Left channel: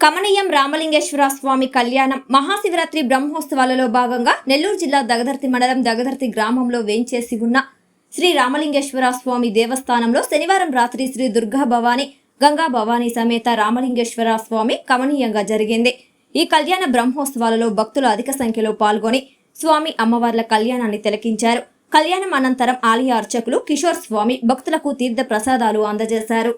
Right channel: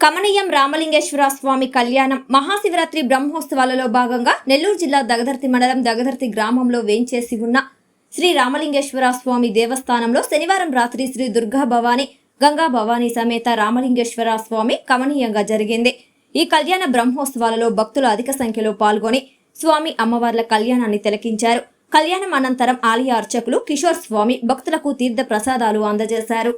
కమనీయం రామలింగేశ్వర స్వామి కళ్యాణం మహాశివరాత్రి బ్రహ్మోత్సవాలలో భాగంగా నెల్లూరు జిల్లా దగదర్తి మండలం దగదర్తి గ్రామంలో వేంచేసి ఉన్న శ్రీ రామలింగేశ్వర స్వామి దేవస్థానంలో శనివారం రాత్రి శ్రీ దుర్గా భవాని గంగా భవానీ సమేత రామలింగేశ్వర స్వామి కమనీయంగా జరిగింది. ఈ కళ్యాణ బ్రహ్మోత్సవాలలో భక్తులు అధిక సంఖ్యలో పాల్గొని స్వామి అమ్మవార్ల కళ్యాణాన్ని తిలకించారు. కళ్యాణం అనంతరం ఆలయ అర్చకులు కిషోర్ స్వామి భక్తులకు తీర్థ ప్రసాదాలు అందజేశారు.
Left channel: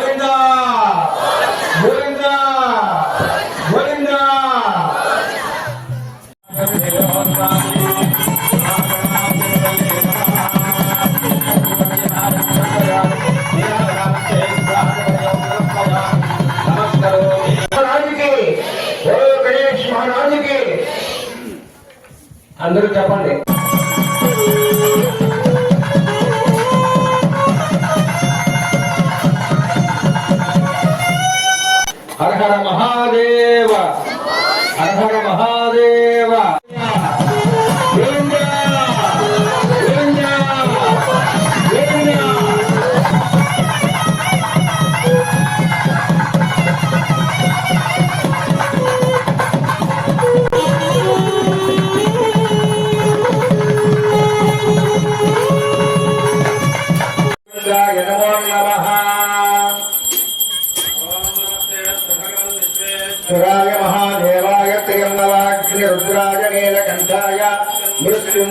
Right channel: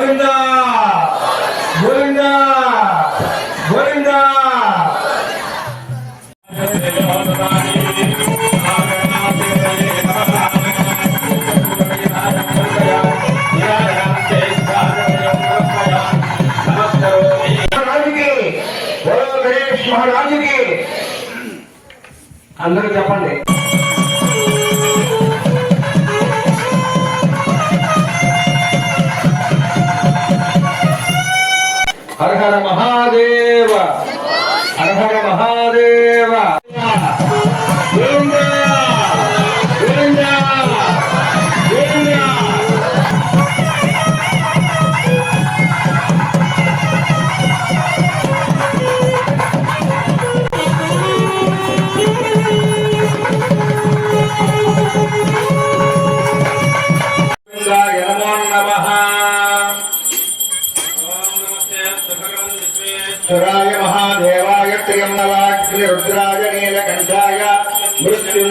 గోవిందా! గోవిందా! గోవిందా! అందరూ చెప్పండి. ஹர மகாதேவ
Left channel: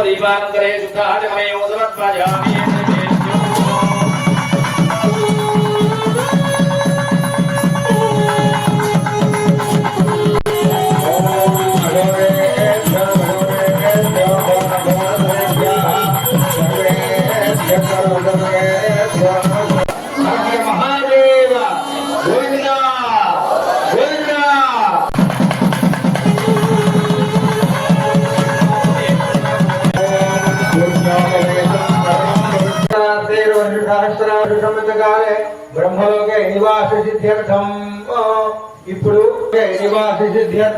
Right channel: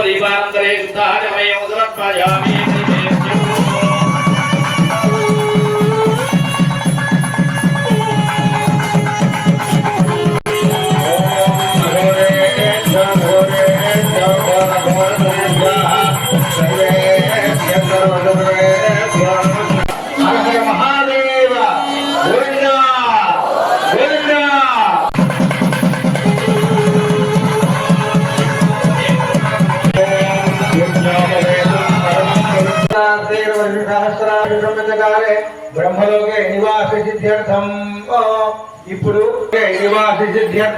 उपरिपान्तरे सुधारमयोदरत्पयामि నివాస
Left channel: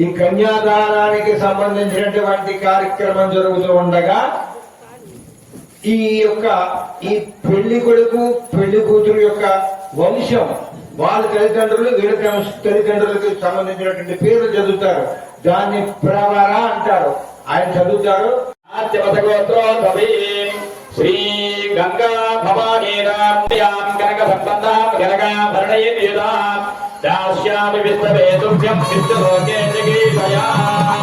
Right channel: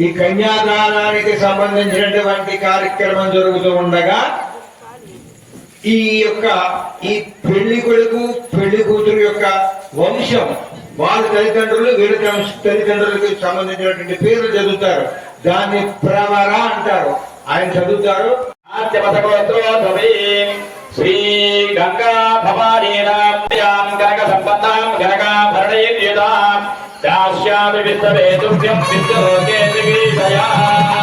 ఈ కన్యాదానానికి సంబంధించినటువంటి కార్యక్రమం జరుగుతూ ఉండగా ఈ యొక్క ఈ పెళ్ళి కొడుకు పెళ్ళి కూతురు యొక్క వంశం వాళ్ళ తల్లిదండ్రులు వీళ్ళ తల్లిదండ్రులకి సంబంధించినటువంటి పేర్లు చదువుతారు. దాన్ని ప్రవర అంటారు. ఆయన చదువుతారు. శ్రీ గంగా భవానీ वेदुभ्यं विद्यलोके जगीषया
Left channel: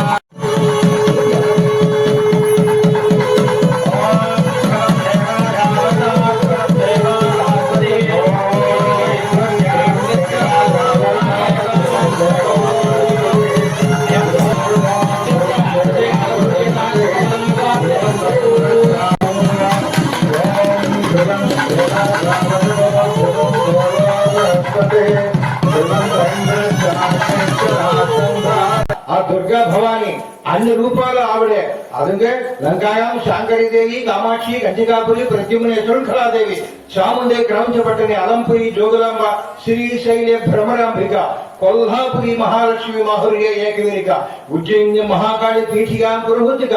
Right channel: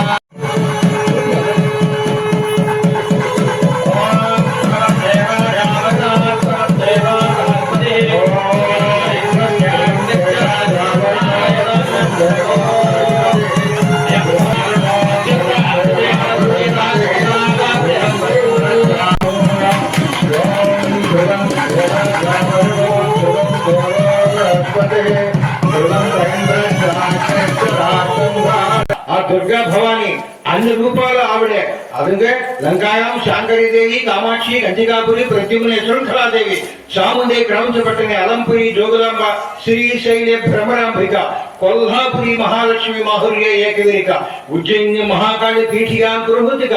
ಗಂಗೆ ಲಂಕಾಯಾಂ ಶಾಂಕರಿದೇವಿ ಕಾಮಾಕ್ಷಿ ಗಂಜಿಕಾಪುರಿ ಪ್ರದ್ಯುಮ್ನೇಶ್ವರಂ ಕಲಾದೇವಿ ಚಾಮುಂಡೆ ಕ್ರೌಂಚಪಟ್ಟಣೆ ಅಲಂಪುರಿ ಜೋಗುಲಾಂಬ ಶ್ರೀಶೈಲ್ಯ ಭ್ರಮರಾಂಬಿಕ ಕೊಲ್ಹಾಪುರಿ ಮಹಾಲಕ್ಷ್ಮಿ ಮಾಹುರ್ಯ ಏಕವೇರಿಕ ಉಜ್ಜಯಿನ್ಯ ಮಹಾಕಾಳಿ ಪೀಠಿಯಾಂ ಪುರಹುತಿಕ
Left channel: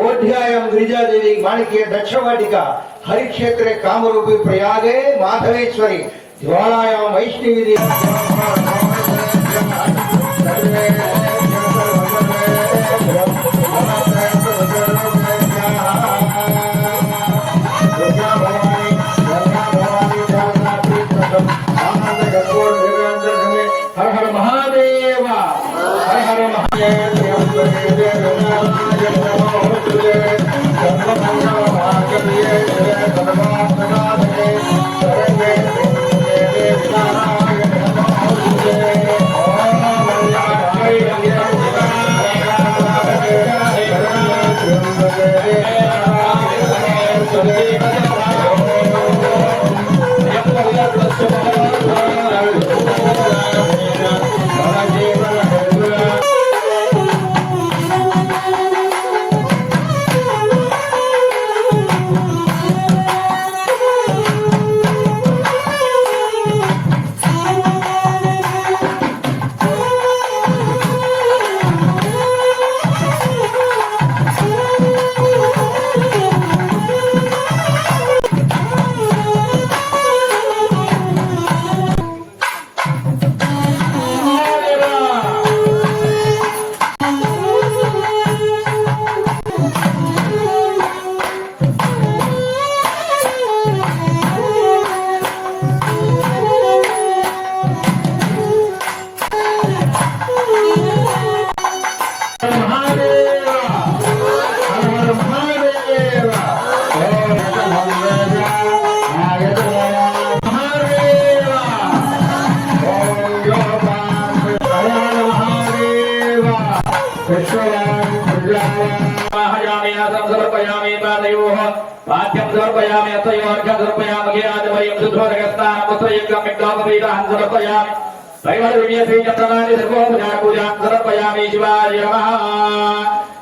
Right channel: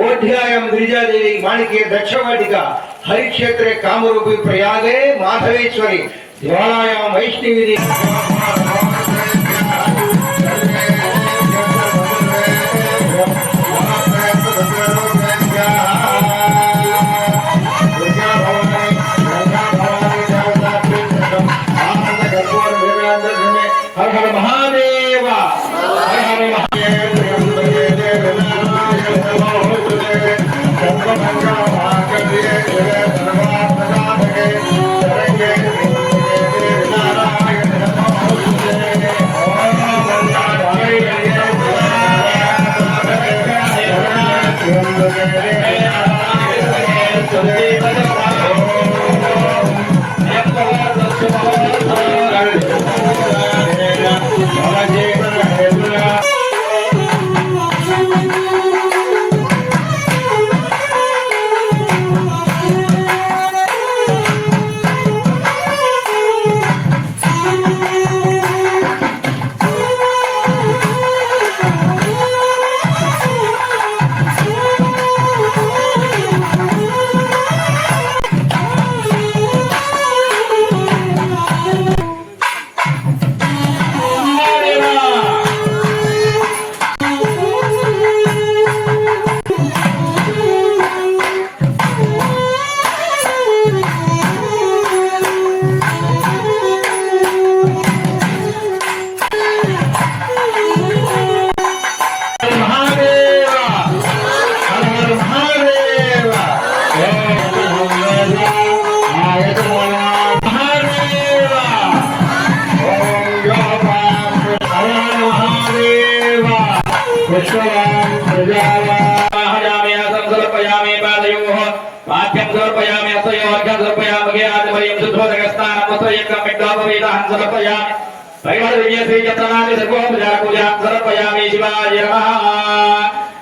ಓಢ್ಯಾಯಾಂ ಗಿರಿಜಾದೇವಿ ಮಾಣಿಕೆಯ ದಕ್ಷವಾಟಿಕ ಹರಿಕ್ಷೇತ್ರೆ ಕಾಮರೂಪಿ ಪ್ರಯಾಗೇ ಮಾಧವೇಶ್ವರಿ ಜ್ವಾಲಾಯಾಂ ವೈಷ್ಣವಿ వైష్ణవి హర హర మహాదేవ! హర హర మహాదేవ!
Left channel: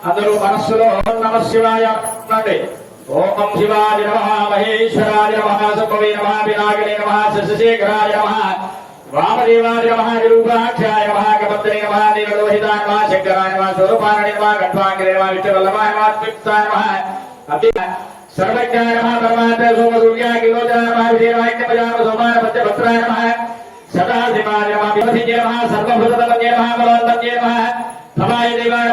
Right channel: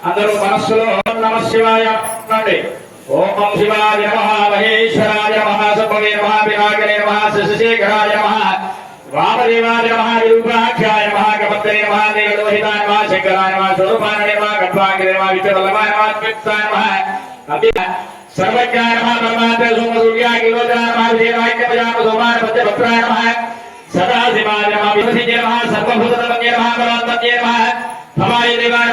అందరూ మనస్సులో ఓం నమ శివాయ ओम शिवाय नमः, महेश्वराय नमः सम्भवे नमः विनागरे नमः, शशिशेखराय नमः, वामदेवाय नमः विरूपाख्याय नमः गमत्रे नमः, नीललोहिताय नमः शंकराय नमः स्वरूपाय नमः घट्वाङ्गरे नमः वित्तवल्लभाय नमः द्वित्वाय नमः अपि सर्वज्ञाय नमः परमात्म सोम सूर्याय किलोचनाय नमः विजयवाक्य प्रजान सोमाय पद्य भद्राय नमः सदा शिवाय नमः विमसिते नमः सर्वभूतमन्ये नमः बलवन्मन्ये नमः समाय देवाय